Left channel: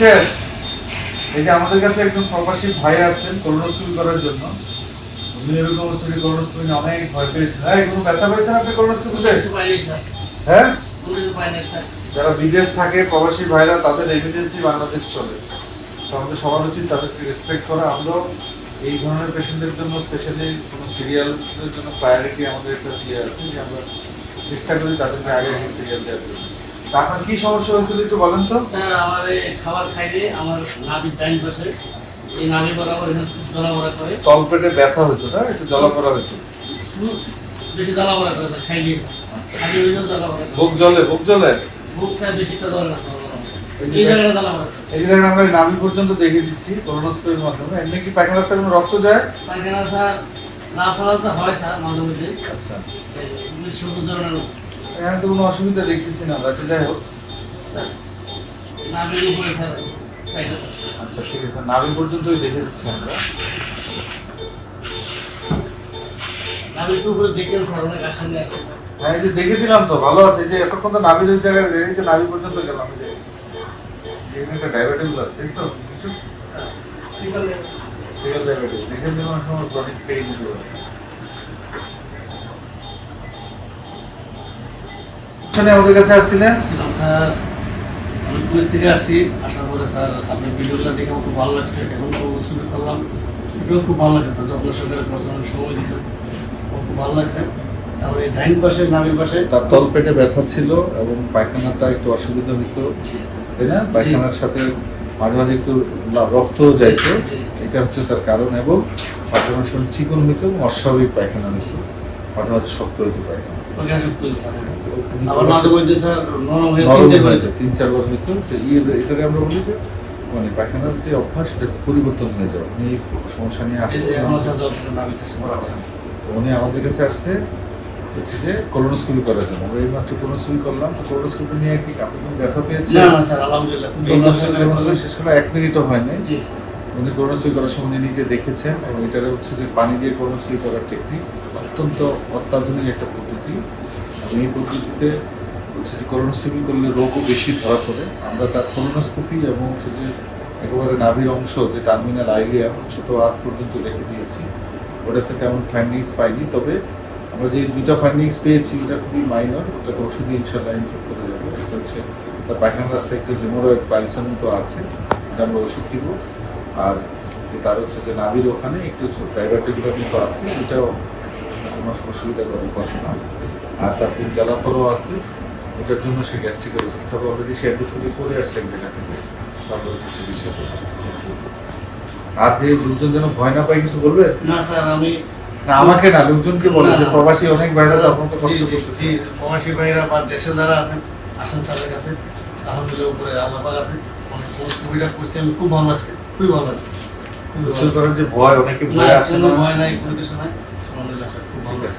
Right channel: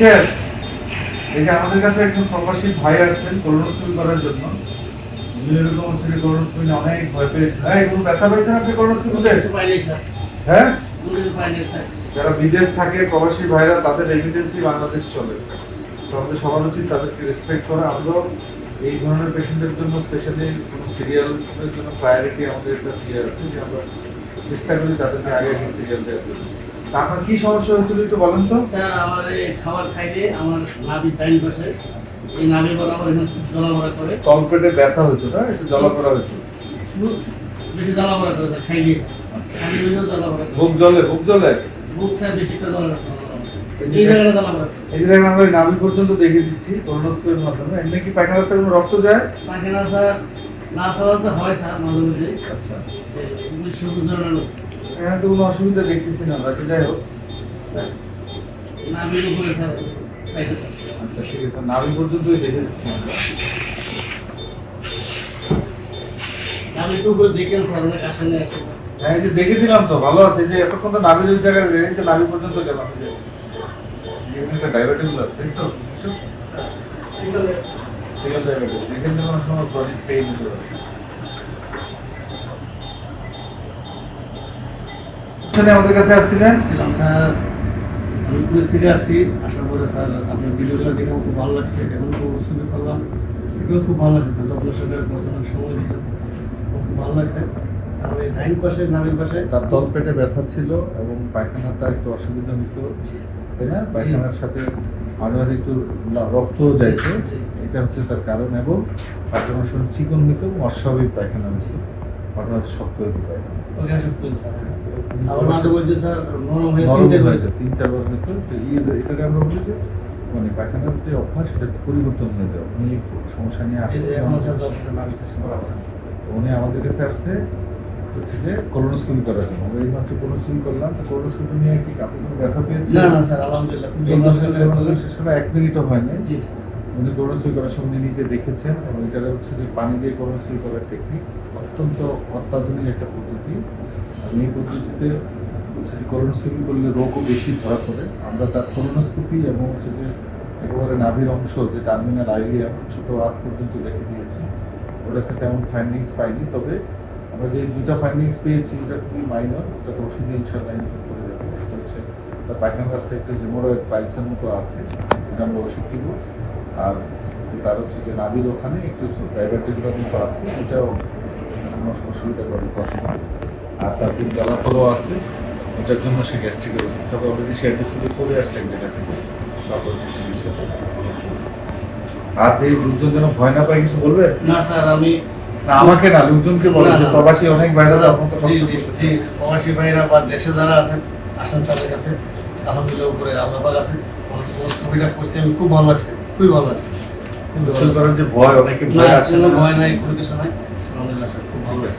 পেয়েছেন? এই যে আমাদের কাছে একজন প্রবাসী ভাই আসছেন কোলোনোস্কোপি করার জন্য। এরকম হচ্ছে যে কোলোনোস্কোপি নিয়ে অনেক ভয় পেয়েছেন। হ্যাঁ, এরকম ব্যথা পেয়েছেন আপনি কোলোনোস্কোপিতে? হ্যাঁ, যারা বিদেশ থাকে প্রবাসী ভাইরা তাদের রেমিটেন্সি বাংলাদেশ চলে। আমাদের সবার উচিত তাদেরকে রেসপেক্ট করা। আমরাও এই ধরনের পেশেন্টদের জন্য স্পেশালি সিরিয়ালের জন্য প্রায়োরিটি আমাদের একটা দিয়ে আছে যে আমরা চেষ্টা করি তাদেরকে আগে সিরিয়াল দেওয়ার জন্য। তা আপনার কি সমস্যা হয়েছিল একটু বলেন তো? স্যার আমার এই খাবার খাইলে আমার নাভি টাইম বসে, এই নাভি বরাবর জ্বলাপড়া করে, তলপেটে ব্যথা হতো না, একটু জ্বলাপোড়া হতো, বেশি জ্বলাপড়া করে স্যার খাইলে, খাইলে ওই জ্বলাপড়া করে। বুক জ্বলে, বুক জ্বলে, বুক স্যার বেশিটা জ্বলে না, এই জায়গাটা জ্বলাপড়া করে। এই জায়গায় আমরা এই নাভি পর্যন্ত দেখে দিচ্ছি কোলোনোস্কোপির মাধ্যমে। এমনি কি পায়খানা রাস্তায় কোনো রক্ত যায়? পায়খানা স্যার না চলাচল হয় স্যার মাঝে মধ্যে, আচ্ছা, শুধু ধরনের এখানে তো কোনো অসুবিধা দেখতেছি না, বাকি যাই হোক। নাভির উপরে স্যার সাইডে স্যার। আচ্ছা ঠিক আছে, নাভি পর্যন্তই দেখে দিচ্ছি আমরা। নাভির উপরে দেখেন স্যার, অনেক আশা নিয়ে আসছে। হ্যাঁ, এই যে দেখে দিলাম তো, ভালো আছে। এই যে এতক্ষণ তো নাভির ওই জায়গায় রেখে তো নাভি পর্যন্ত গেলাম। এই যে একটা ডায়াবেটিস ব্লাড, তাই তো? সিঙ্গেল ডায়াবেটিস, এখান থেকে অনেক সময় বডি পেয়ে নিতে পারে। আমাদের কাছে আসছিলেন? ছিলাম স্যার, আমি কুয়েত থেকে আসছি, আসার পরে স্যার আপনার ভিডিওগুলো দেখে আমার খুব ভালো লাগছে, এখন কোলোনোস্কোপি করলাম, এটাও খুব ভালো লাগছে স্যার, যত্ন সহকারে করছেন, অনেক সময় দিয়েছেন, আমার খুব ভালো লাগছে। তারপরে ডাইন পাশে নাভির পাশে তার তলপেটে ব্যথা ছিল এবং পায়খানাটা একটু অসুবিধা হতো, তাই না? পায়খানার সাথে মাঝে মাঝে একটু রক্ত যাইতো, এটা হচ্ছে তার কারণ। এবং পায়খানার সঙ্গে চিকন হইতো, অস্বাভাবিক পায়খানা হতো, মাঝে মাঝে শক্ত হইতো পায়খানা। ওইখানে সব তুলছে স্যার, আবার মাঝে মধ্যে স্যার নরম হয়ে নরম তিন হইতো, 3-4 বার হইতো। তো এটাকে আমরা বলি যে মানে পায়খানার যে অভ্যাস সেটা পরিবর্তন হয়ে যাবে। উনি সমস্যা নিয়ে আসছে, এখন স্যার জ্বলতেছে, নাভি টেস্ট করা আছে। উনি আমাদের কাছে আসছে হচ্ছে যে কোলোনোস্কোপি করার জন্য। আমরা এই মাত্র কোলোনোস্কোপি করলাম। তো কোলোনোস্কোপি নিয়ে কি আপনি কোনো ব্যথা পেয়েছেন? না না স্যার, আলহামদুলিল্লাহ খুব যত্ন সহকারে করছেন। শেষ করে 1 মিনিটও হয়নি। জি উনি কোলোনোস্কোপি করার সময় উনি নিজে দেখেছেন এবং এটা হচ্ছে যে পানি দিয়ে কোলোনোস্কোপি করার টেকনিক, অত্যন্ত অত্যাধুনিক একটা পদ্ধতি। এবং এই পদ্ধতিতে হচ্ছে যে কোলোনোস্কোপি করলে রোগও বেশি ধরা পড়ে। আমরা তার কোলোনোস্কোপি এবং হচ্ছে যে একেবারে নাভির অংশ যে টার্মিনাল আইলিয়া ছোট হাত পর্যন্ত রেখে দিয়েছি, ওটাতে তেমন ফাইন্ডিংস পাইনি। তবে আমরা যে 2টা ফাইন্ডিংস পেয়েছি এটা খুবই মাইনর, ওটাতে ওষুধে ইনশাল্লাহ ইমপ্রুভ করে যাবে। এটা হচ্ছে তার পায়খানার রাস্তায় একটু হেমোরয়েড পাইলসের মতো আছে, এটা আমরা ওষুধ দিব। আর তার হচ্ছে যে নাভির ওখানে একটু ডায়াবেটিকগুলো মতো আছে, এটাও কোনো অসুবিধা করে কথা না। আর তার দিন জ্বালাপোড়াও আছে, ওটার জন্য সে গ্যাস্ট্রিকের ওষুধটা অলরেডি সে অ্যাডমিশনে করে আসছে যেটা থেকে সকল কিছু বিষয়। আর যে লোকজন যেন ভয় না পায়, কিছু বলবেন? না স্যার, আমি না আমাকে না, লোকজনকে বলেন। না, না। প্রবাসী অনেক বাইরে আপনার তো জি কষ্ট জি করতেছে। জি, প্রবাসী ভাইরা বা দেশে যারা আছেন আসেন স্যারের কাছে, আলহামদুলিল্লাহ উপরে আল্লাহ পাক আছে। কোলোনোস্কোপিটা করছি, আমি খুব ভালো লাগছে, খুবই ভালো লাগছে, খুবই ভালো বুঝতে লাগছে। পারেন যে ভয়, অনেকে না ভয় আসে কোনো না। ভয় নাই, কোনো কিছু নাই, আলহামদুলিল্লাহ স্যার খুব ভালো ঠিক লাগছে। আছে,